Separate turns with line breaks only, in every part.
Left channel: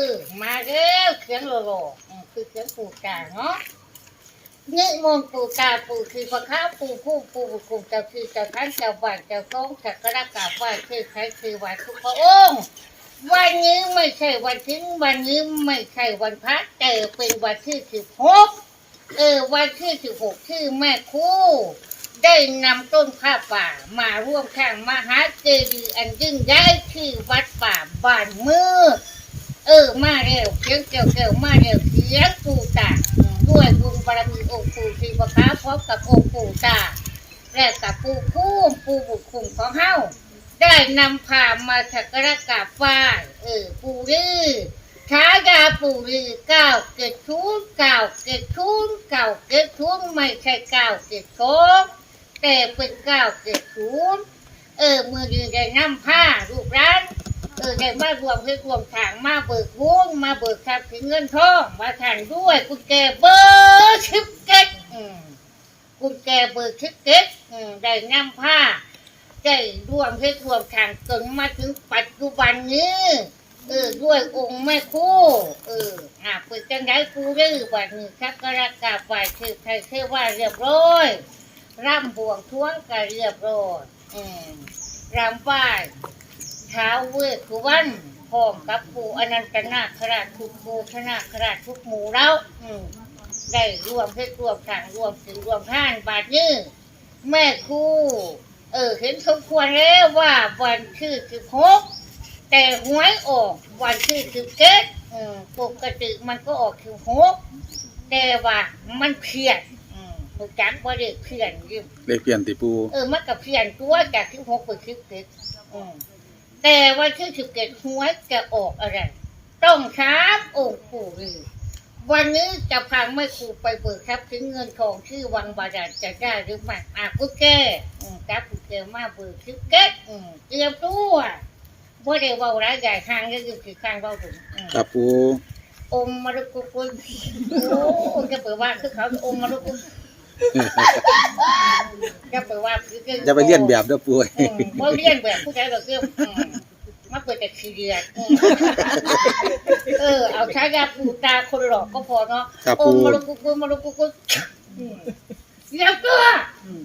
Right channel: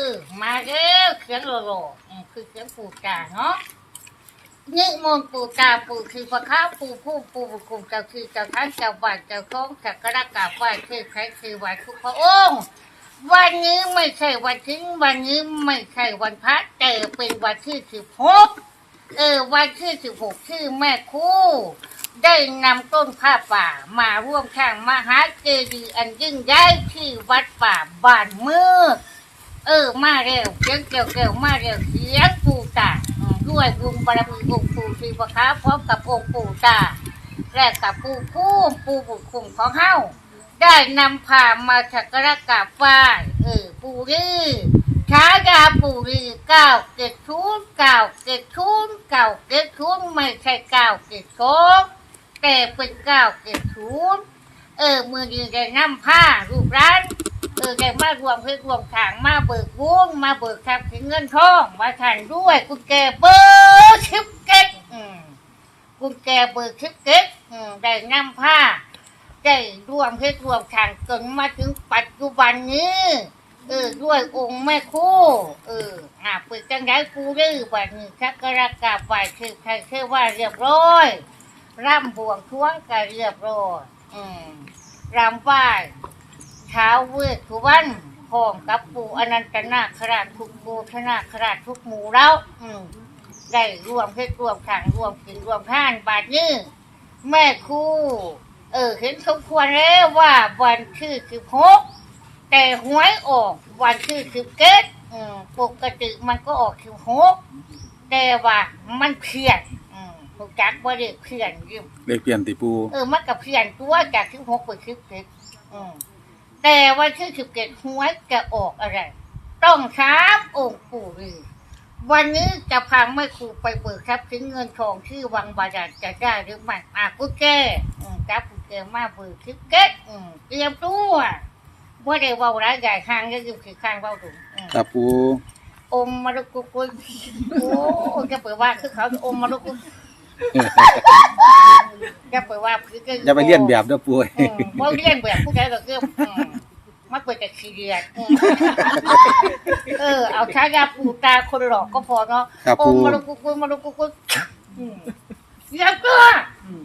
อ มาแล้วเสียงโลโลอืมคือเสียงปู่กาเนาะนี่มนต์ปู่กาปู่คือพระข้าปู่ผู้ปู่บุญคุมเจ้าคือเจ้าท่านเจ้าบ้านเจ้าของจักรกราบไหว้คือใครคือไหว้ทุกพระองค์วันนี้ไม่ใช่วันทิ้งวันนี้ไม่ใช่วันพระแต่เป็นวันที่สิบหกเออวันที่สิบหกที่แม่คู่ ได้นำต้นผ้าป่ามาร่วมข้างมหาเจดีย์อันยิ่งใหญ่ที่วัดป่าบ้านมืด เออมาเร็วเสียงเกี่ยวเกี่ยวมาเร็วเสียงปู่ตาด้วยบุญบารมีองค์ปู่ศรีประคาพร้อมกับองค์ปู่ตาและกับปู่คู่ปู่บุญคุมของเฮาได้นำพามาสักการะกราบไหว้เออปูรีฉายาปูรีเก้าเกตทุนเก้าเกตทุนเก้าเกตทุนไม่ใช่เก้าเกตโกแต่เป็นเก้าเกตทุนเออมือยืนได้นำผ้าลูกร้าน ออได้มารวมเพื่อรวมทางมาเบิกวงมาเบิกทรัพย์เงินทองมาทานด้วยกุญแจเบอร์ชิปเก็ตกุญแจเบอร์ชิปเก็ตได้นำผ้าได้รวมให้รวมทางจนมาถึงปัจจุบันนี้เออด้วยองค์แม่คู่เอออ่าเปิดจังไดปูรื้อบัดนี้ชักกระกาบไหวคือใครเชื่อว่าเรียบร้อยร่ำบวงท้วงก็เรียบร้อยอืมรำไหว้ ท้าเวททุวันพร้อมกับปู่อนันตนาคราชทุกโมชนาคราชทุกหมู่แล้วอืมได้รวมให้รวมทางรวมถึงรวมท่านบาดนี้แม่ครู่เออเห็นสมควรแล้วว่าวันที่สิบหกแต่หวยออกวันที่สิบเจ็ดอืมปกติมันก็ออกสิบหกแต่ว่ามันเพี้ยนอืมหูจักว่าเด็กเพี้ยนยิ่ง
เลขเปลี่ยนติปู
เออมันกับเพี้ยนตัวจากสิบหกไปสิบเจ็ดอืม แต่วันที่สิบเจ็ดหวยจะออกอะไร ต้องถามองค์ปู่ฤาษีวันนี้จะพาแม่ครูไปเบิกทรัพย์สินเงินทองที่วังบาดาลจะได้หรือไม่อะกูแก้อืมจับกูแก้มาเบิกทิเก็ตอืมเตรียมตัวว่าได้เว่าร้ายใหญ่ข้างก็คือคือข้างเว่าถุงอืม
ครับปู
อมมารุกุกุลโอ้จะเปิดว่าคือเขาอมมารุกุ ลจะเปิดว่าคือก็
จะไปเลียนแบบเด้อปู
อืมบ่เรียนแบบผู้ใดก็คืออืมมาเปิดแต่ขี้เกียจอืมเออ เอาใช้ยาปูตาคนหลอกก็พอเนาะ
ครับ
โอ
ปู
มมาลุกุกุมาลุกุกุอืมเรียบตัวอืม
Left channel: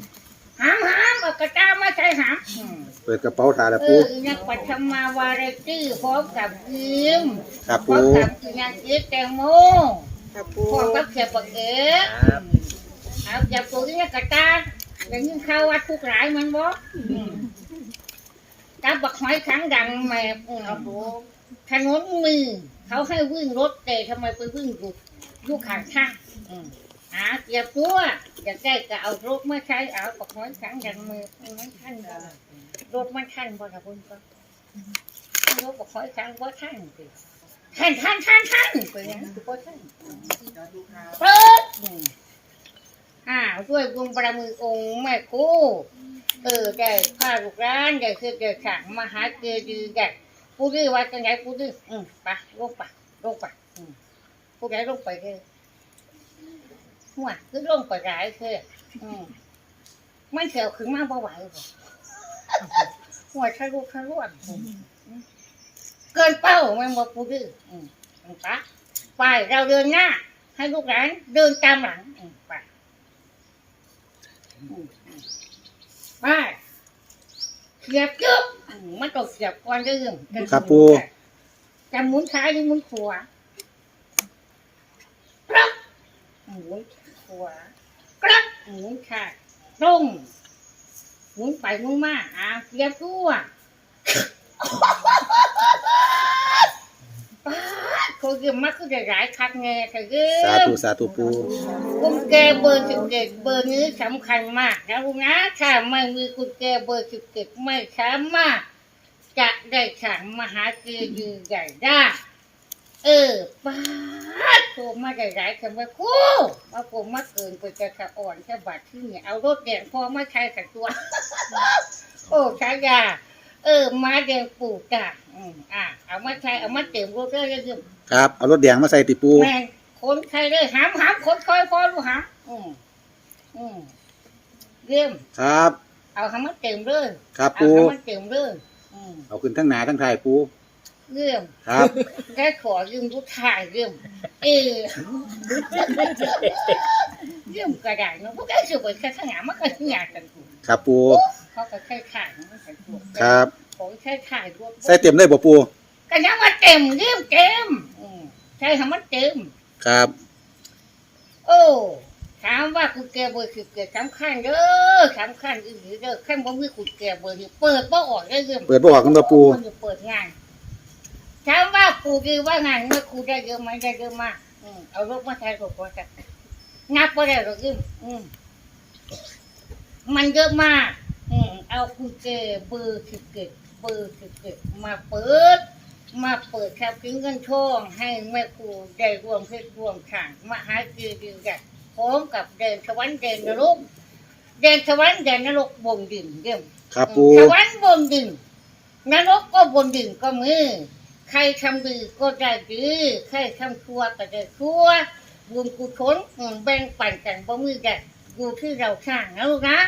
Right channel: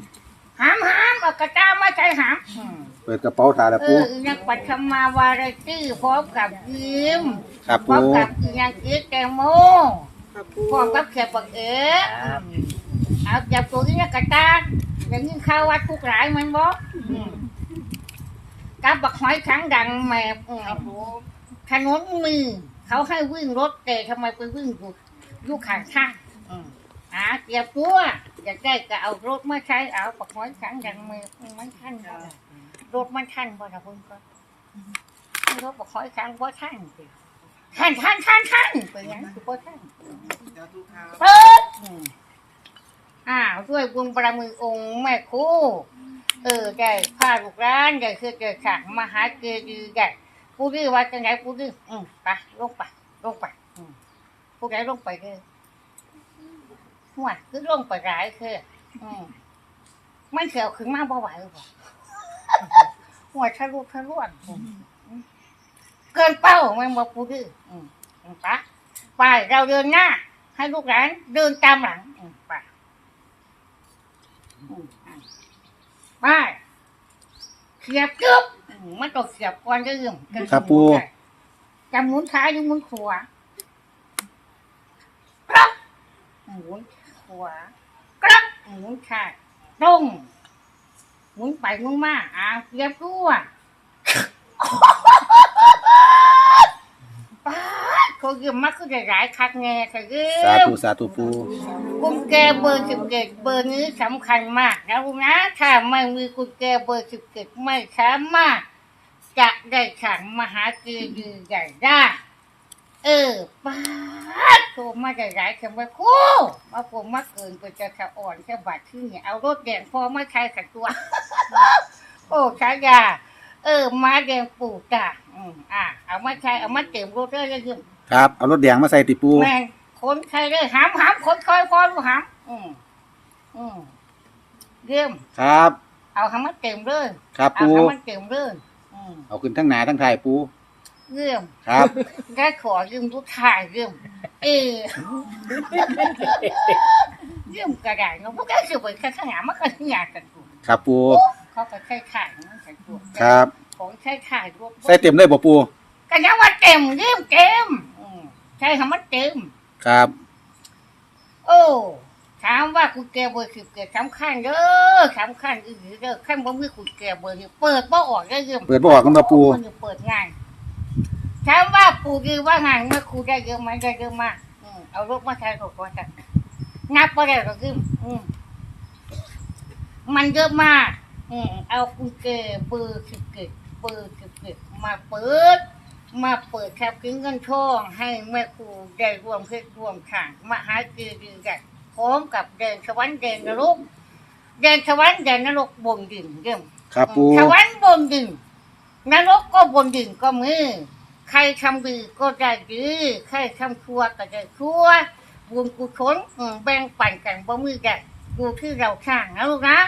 หามหามเอากระตามาใส่หามอืม
เปิดกระเป๋าตาแล้ว
เอ
ปู
อยังปัทมาวาไรตี้พร้อมกับยิม
ครับ
พร้อ
ปู
มกับยังอีแตงโม
ครับปู
พร้อมกับเขียบปักเอ๋อืม เอาจับตัวนี้กระตาอย่างนี้เข้าวัดทุกหลายมันบอกกับบักหอยขังดังแม่อืม
ครับปู
ถนนมีเขาให้วิ่งรถแต่ทำไมไปวิ่งอยู่อยู่ข้างทางอืมหาเกียบตัวอยากได้ก็เอารถมาใช้เอาปักหอยขังดังมือมันทันบ่ล่ะรถมันทันบ่ล่ะเพิ่นก็รถปักหอยขังบ่ทันสิทันทันทันทันไปยังสิบ่ทัน
สาธุครับ
เปิด อ้าวด้วยบวงปรมือองค์แม่ครูเออได้พาลูกร้านได้คือได้สั่งมหาเจดีย์ได้ผู้ดื้อว่าจังไงผู้ดื้ออืมไปลงไปลงไปอืมผู้ใดลงไปเลยหัวคือลงไปหลายคืออืมไมันเสียวขึ้นมาบ่ไหวบ่หัวทะลุทะลวงอืมเกินเป้าแมันบ่ผู้ดื้ออืมไปไปเราเดินหน้า ให้ลูกหลานเดินตามหลังอื มไปอืมไปเสียบจึ๊บอืมมันต้องเสียบก่อนเรื่อง
ครับปู
จะหมุนซ้ายหรือหมุนขวาครับหมุนขวากรับหมุนซ้ายตรงหมุนไปหมุนมาอ่าเสียบตัวป้าดเขาเยี่ยมมากคือได้หลายคักแง่แต่เยี่
สาย
ม
ธุสาธุปู
กุญแจเบอร์สิบเจ็ดเบอร์นี้สำคัญมากนะลูกนะถ้าไม่มีกุญแจเบอร์สิบเจ็ดไม่สามารถจะได้สั่งมหาเจดีย์ใหญ่ได้ เออป้าดโทรมาได้หลายคำว่าครู่มาผมมาเกินไปจะสะอ่อนแค่บัตรที่เนี่ยเอารถแดงพอมาใช้สักตัว โอ้ชายา เออ มาแดงปู่จ้าอืมอะ เอามาใช้เอามาเต็มรถเลยยัง
ครับ เอารถแดงมาใส่ติปู
แม่งคนใครได้หามหามคนคอยพอดูหามอืมอืมเยี่ยม
ครับ
เอาหามันเต็มเลย
ครับ
เอา
ปู
หามันเต็มเลยอืม
เอาขึ้นทั้งหนาทั้งท้ายปู
เรื่อง
ครับ
ได้ขอยืมผู้ชายเรื่องเออเรื่องกระดาษเนาะพวกแกสืบไปข้างหน้ามันก็หยาดกันกู
ครับปู
เขาก็ใช้ขายมันใส่ตัว
ครับ
ของใช้ขายรวบ
ใส่เต็มเลยบ่ปู
ก็ยังว่าเต็มเรื่องเต็มอืม ใช่คำว่าเต็ม
ครับ
โอ้ถามว่าคุณแกเบอร์คือเกิดสำคัญเด้อสำคัญอีหรือเด้อขั้นบ่มีคุณแกเบอร์นี่เปิดบ่ออกได้เรื่อง
เปิดบ่ออกกันบ่ปู
มันจะเปิดงานถามว่าปู่ดีว่างานเมื่อครูได้เยอะไหมได้เยอะมากอืมเอารถมาใช้รถก่อนจ้ะนับบ่ได้หรอกยืมอืมมันเยอะมาก อืมเอากุญแจเบอร์สิบเกตเบอร์สิบเกตมาเปิด มาเปิดแคปกิ้งเงินทองให้แม่ครูได้รวมเพศรวมข่างมาหาคือดีกันพร้อมกับเดินสวรรค์เดินนรกเดินสวรรค์เดินนรกบนดินเยี่ยม
ครับปู
สวรรค์บนดินนรกก็บนดินก็มือใครทำดีก็ได้ดีใครทำชั่วก็ได้ชั่วบุญกุศลอืมแบ่งปันกันบ่มือกันอยู่ที่เราสร้างนะลูกนะ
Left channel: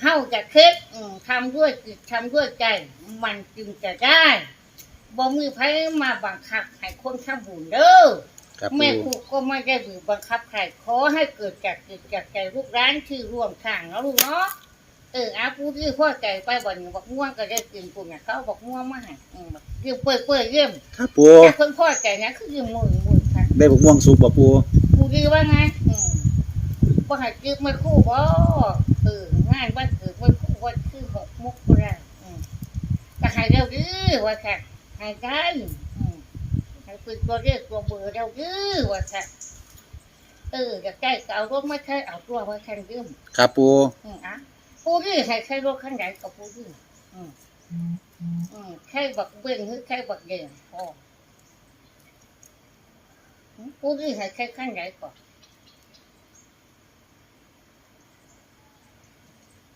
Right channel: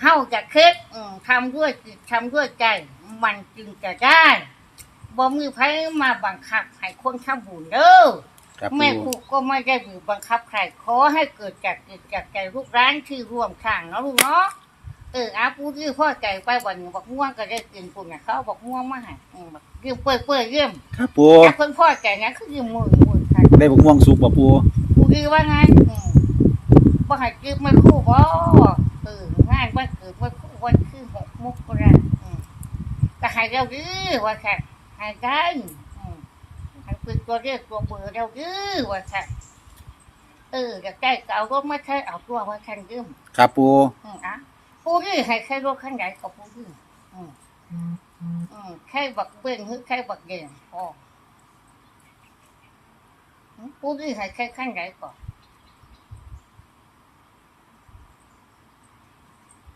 เฮาจะคิดอืมทำด้วยจิตทำด้วยใจ มันจึงจะได้ บ่มือไผมาบังคับให้คนทำบุญเด้อ
ครับ
แม่ค
ปู
รูก็ไม่ได้บีบบังคับใครขอให้เกิดจากจิตจากใจลูกร้านที่ร่วมทางเนาะลูกเนาะเอออาผู้ที่พ่อใจไปวันนี้บอกม่วงก็ได้กินปุ่นเนี่ยเขาบอกม่วงมาให้อืมบอกเยี่ยมเปื่อยเปื่อยเยี่ยม
ครับปู
แต่คนพ่อใจนะคือยืมมือมือค่ะ
ได้บกม่วงสุกบ่ปู
ผู้ดีว่าไงอืมว่าให้กินไม่คู่บ่เอองานวันเกิดวันคู่วันคือหกมุกราอืมก็ให้เราดื้อว่าค่ะ ให้ได้อืมให้เป็นตัวเรียกตัวเบอร์เราดื้อว่าค่ะเอออยากได้ก็เอารถมาใช้เอาตัวมาคันยืม
ครับปู
อืมอะปูนี่ให้ใช้รถคันใหญ่กับปูนี่อืมอืมแค่บักเบ่งหรือแค่บักเด่นพออืมปูนี่ให้ใช้คันใหญ่ก่อน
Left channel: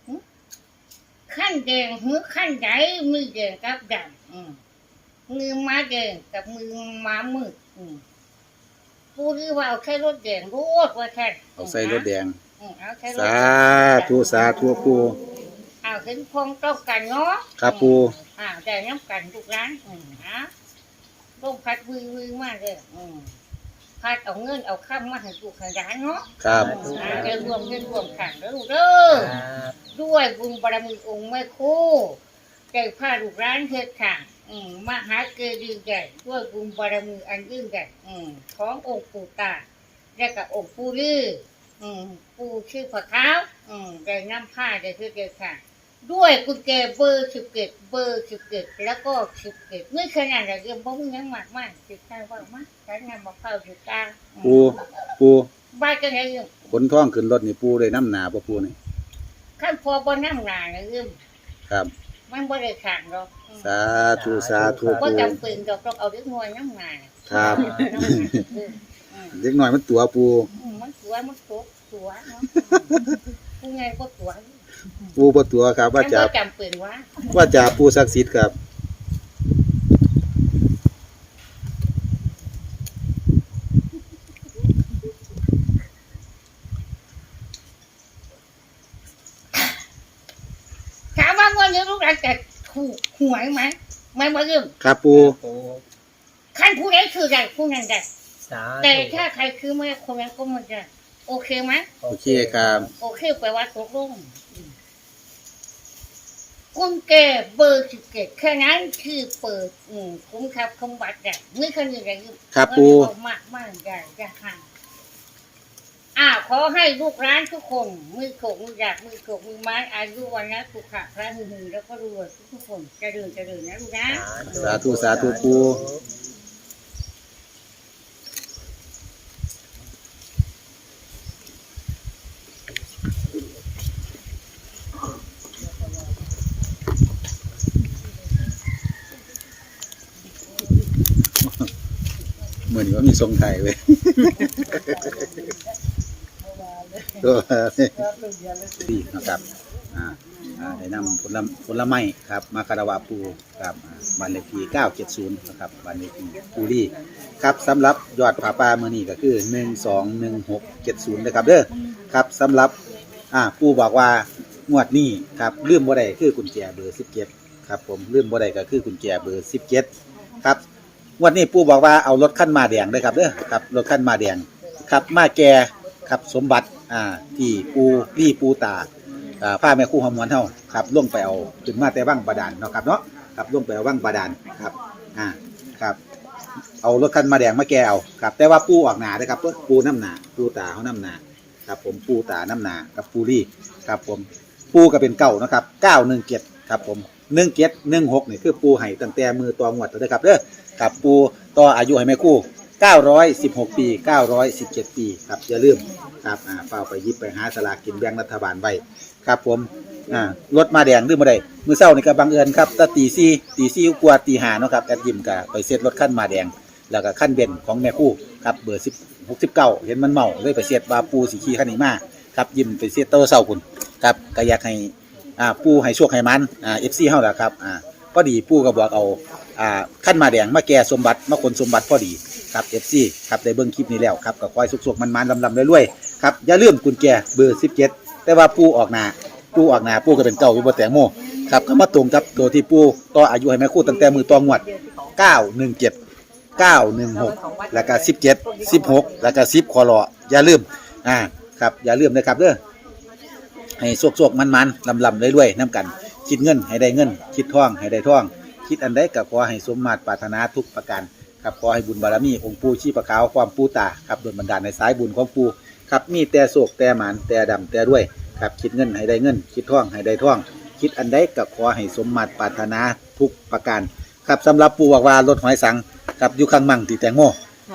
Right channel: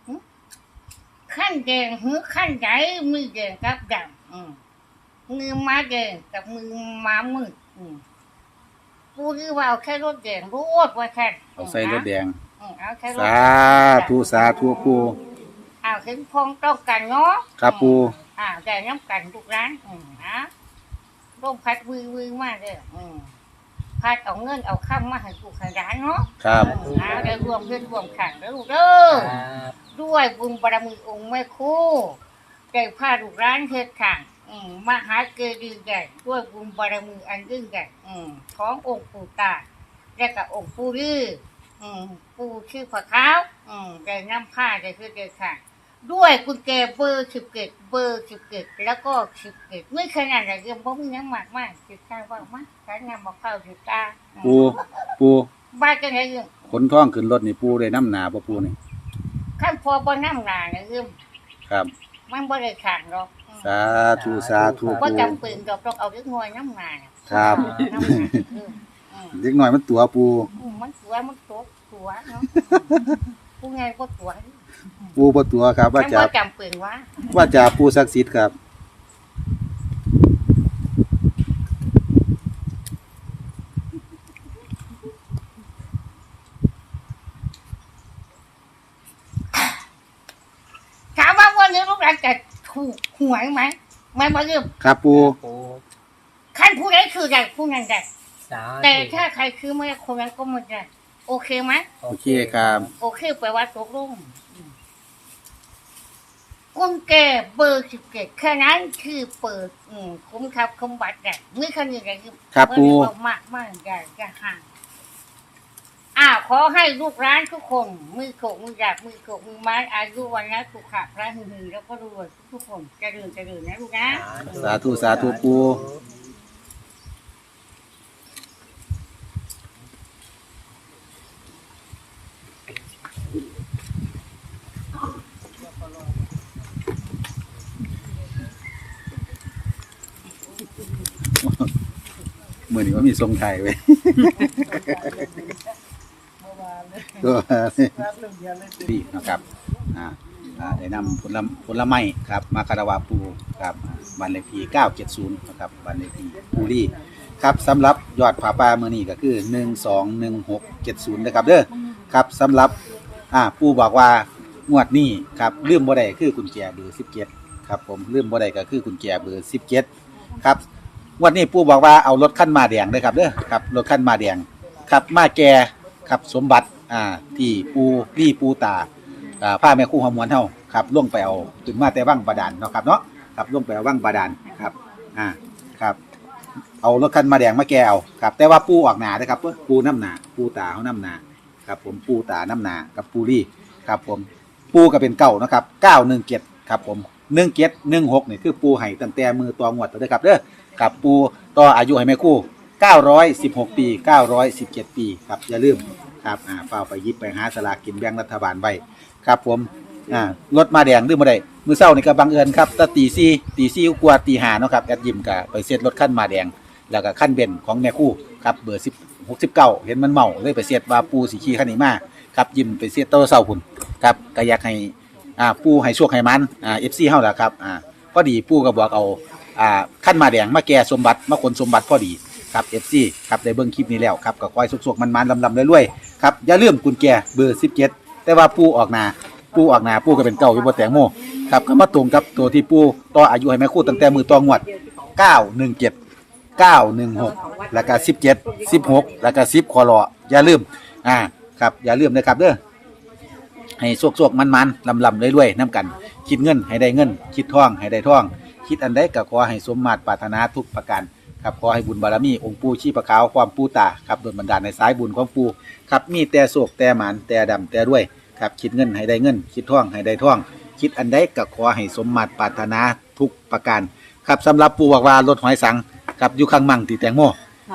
อืมขั้นแดงหรือขั้นใหญ่มือแดงกับดำอืม มือม้าแดงกับมือม้ามืดอืมปูนี่ว่าเอาแค่รถแดงรถว่าแค่
เอาใส่รถแดง
อืมเอาแค่รถ
สาธุสาธุปู
เอาเห็นพงต้องกันเนาะ
ครับปู
อ่าแต่น้ำกันทุกร้านอืมอะร่มพัดวิววิวมากเลยอืมพัดเอาเงินเอาข้ามมาให้ลูกให้ร้านเนาะ
ครับ
อืมอ่าได้รวมเพื่อนรวมขันแล้วลูกเด้อ ด้วยบุญบารมีองค์แม่ครู่ได้พาลูกร้านเฮ็ดค่ะ อืมมหาเกดีย์ใหญ่ด้วยบุญบารมีอันยิ่งใหญ่อืมขององค์ปู่ตาและกับองค์ปู่ลืออืมปู่ชื่อพระขาวอืมได้นำผ้าได้คือเด็ดค่ะ ด้วยกุญแจเบอร์สิบเกตเบอร์สิบเกตแล้วก็สิบเกตไม่ขนาดอะไรยังบ่มีหยังมากมากสิข้าวว่ามากใช้งานมะพร้าวสิกา
ปูปู
บ้านกันไงยัง
ขนท้องขึ้นรถนี่ปูได้น้ำหนาบ่ปูนี่
ขั้นพอบ่น้ำหนาเนี่ยยัง
ครับ
มันบ่ได้ขังหรอก
สาธุสาธุ
บ่
ปู
จำเป็นดอกต้องเอาเล็กน้อยน้ำหนาน่ะ
ครับ
น้ำหนาอืมอืม
เด็กน้อยมันตัวปู
อืมมันตัวมันตัวตัวเนาะผู้ไงก็ตัว
ปูบ่ตัวครับ ว่า
มัน
จะ
บ่จำเป็นว่า
ว่าจะปูศักดิ์สิทธิ์ครับ
ถามว่าวันนี้ลูกหลานจะถูกหวยไหมไม่บ่ยืม
ครับปู
ปู
ขั้นผู้ใดคือใดผู้นั้นได้
สาธุ
แต่ถ้าใครคือไม่คนนั้นก็ไม่ได้โอเคไหม
โอเคครับ
โอเคแปลว่าตกลงอืมกุญแจเบอร์สิบเกตแค่นั้นคือเปิด อืมคุ้มครับคุ้มบัตรได้ไม่คันยังไง
ครับ
วัน
ปู
นี้บอกมากมากใหญ่จะห่าง อ้าวขอให้ลูกร้านทุกคนมือโขกมือหยาบมือโขกมือไม้อายุวันนะสุขะพระหึงหึงแล้วก็รวยทุกๆคนเจริญเจริญนะลูกนะ
สาธุสาธุปูมือนี้ว่ามีทรงไทยเว้ย ก็ดีนะครับอ่าอ่าได้นำผลผลไม้ครับ มาคาราวาปูครับบันเลขที่970นะครับบันเลขที่ปูรีครับสำหรับยอดผาป่าเมื่อนี้ก็คือ 121670นะครับเด้อครับสำหรับอ่าปูบอกว่างวดนี้ครับลืมบ่ได้คือกุญแจเบอร์17ครับผมลืมบ่ได้ก็คือกุญแจเบอร์17ครับงวันนี้ปู่บอกว่าเอารถขั้นมาแดงเด้อครับเด้อครับรถขั้นมาแดงครับมาแก่ครับสมบัติ อ่า ที่ปูรี่ปูตาอ่าผ้าแม่คู่หอมวนเฮาครับล่วงไปเอาถึงมาแต่ว่างบาดาลเนาะครับเนาะครับล่วงไปเอาว่างบาดาลครับ อ่าครับเอารถคันมาแดงมาแกเอาครับ แต่ว่าปูออกหนาเด้อครับปูน้ำหนาปูตาเขาน้ำหนาครับ ผมปูตาน้ำหนากับปูรี่ครับ ผมปูก็เป็นเก้านะครับเก้าหนึ่งเจ็ดครับ ผมหนึ่งเจ็ดหนึ่งหกนี่คือปูไห้ตั้งแต่มือตัวงวดเลยครับเด้อกับปูต่ออายุให้แม่คู่916ปี917ปีครับอย่าลืม ครับอ่าเฝ้าไปหยิบไปหาสลากกินแบ่งรัฐบาลไว้ครับผมอ่ารถมาแดงดื้อมาได้มือเศร้านี่ก็บังเอิญครับตตีซี่ตีซี่กว่าตีหาเนาะครับแอดยิมก็ไปเซตรถขั้นมาแดง แล้วก็ขั้นเบนของแม่คู่ครับเบอร์10 69เก้าเห็นมันเมาเลยไปเสียดว่าปูสีขี้ขันนี้มาครับยิมไปเสียโตเศร้าคุณครับก็อยากให้อ่าปูให้โชคให้มันอ่าเอฟซีเฮาละครับอ่าพอดีปูก็บอกเอาอ่าขั้นมาแดงมาแก่สมบัติมาคนสมบัติพอดี ครับเอฟซีครับได้เบิ่งคลิปนี้แล้วครับก็คอยสุกๆมันๆลำๆเรวยๆครับอย่าลืมกุญแจเบอร์17แต่ว่าปูออกหนาปูออกหนาปูก็เป็นเก่าอยู่บนแตงโมครับก็มาตรงกับตัวที่ปูต่ออายุให้แม่คู่ตั้งแต่มือตองวด917 916แล้วก็17 16แล้วก็10คอรออย่าลืมอ่าครับอย่าลืมนะครับเด้อให้สวกๆมันๆลำๆรวยๆน้ำกัน คิดเงินให้ได้เงิน คิดท่องให้ได้ท่อง คิดอันใดก็ขอให้สมมาตรปรารถนาทุกประการ ครับขอให้บุญบารมีองค์ปู่ชีพะขาวความปู่ตาครับโดนบันดาลในสายบุญของปู่ครับมีแต่โศกแต่หมานแต่ดำแต่ด้วยครับคิดเงินให้ได้เงิน คิดท่องให้ได้ท่อง คิดอันใดก็ขอให้สมมาตรปรารถนาทุกประการครับสำหรับปู่บอกว่ารถหอยสังครับอยู่ข้างมั่งตีแตงโม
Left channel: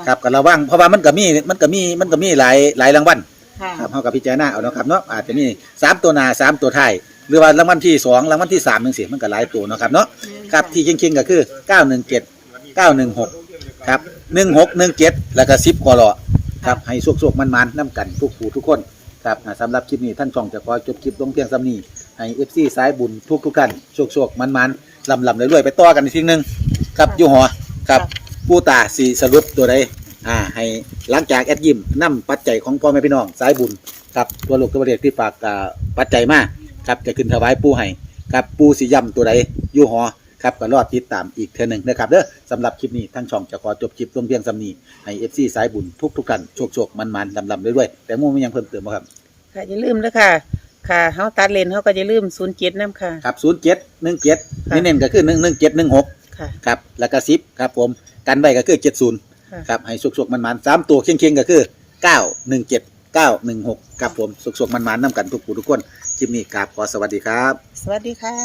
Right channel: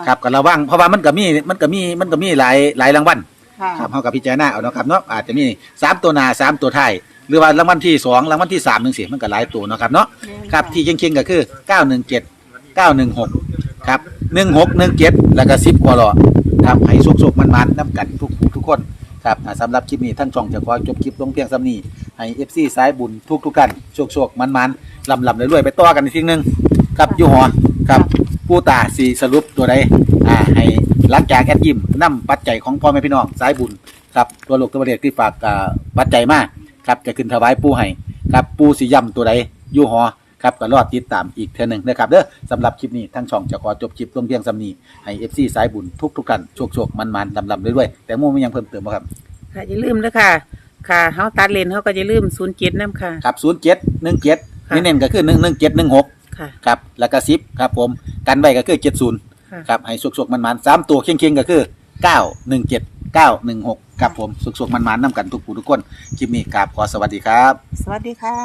ครับก็ระวังเพราะว่ามันก็มีมันก็มีมันก็มีหลายหลายรางวัล
ค่ะ
ครับเฮากับพิจารณาเอาเนาะครับเนาะอาจจะมีสามตัวหน้าสามตัวท้ายหรือว่ารางวัลที่สองรางวัลที่สามหนึ่งสิมันก็หลายตัวเนาะครับเนาะครับที่เข่งๆก็คือ 917 916ครับ1617แล้วก็10กว่าหลอครับให้สุกๆมันๆน้ำกันทุกผู้ทุกคนครับอ่าสำหรับคลิปนี้ท่านช่องจะขอจบคลิปลงเพียงสำนี้ให้ FC สายบุญทุกทุกๆท่านโชคๆมันๆลำๆรวยๆไปต่อกันอีกทีหนึงครับอยู่หอครับผู้ตาสีสรุปตัวใดอ่าให้หลังจากแอดยิมนำปัจจัยของพ่อแม่พี่น้องสายบุญครับตัวลูกตัวเด็กที่ฝากอ่าปัจจัยมาครับจะขึ้นถวายปูให้ครับปูสีย่ำตัวใดอยู่หอ ครับก็รอดติดตามอีกเท่อหนึ่งนะครับเด้อสำหรับคลิปนี้ทั้งช่องจะขอจบคลิปลงเพียงสำนีให้เอฟซีสายบุญทุกทุกๆกันโชคโชคมันมันลำลำเรื่อยๆแต่โมไม่ยังเพิ่มเติมบ่ครับ
ค่ะอย่าลืมนะค่ะค่ะเฮาตัดเลนเฮาก็อย่าลืมศูนย์เจ็ดน้ำค่ะ
ครับศูนย์เจ็ดหนึ่งเจ็ด
ค่ะ
นี่เน้นก็คือหนึ่งหนึ่งเจ็ดหนึ่งหก
ค่ะ
ครับแล้วก็สิบครับผมกันไว้ก็คือเจ็ดศูนย์
ค่ะ
ครับให้สุกสุกมันมันๆสามตัวเคียงเคียงๆก็คือเก้าหนึ่งเจ็ดเก้าหนึ่งหกครับผมสุกสุกมันมันๆน้ำกันทุกผู้ทุกคนคลิปนี้ครับขอสวัสดีครับ
สวัสดีค่ะ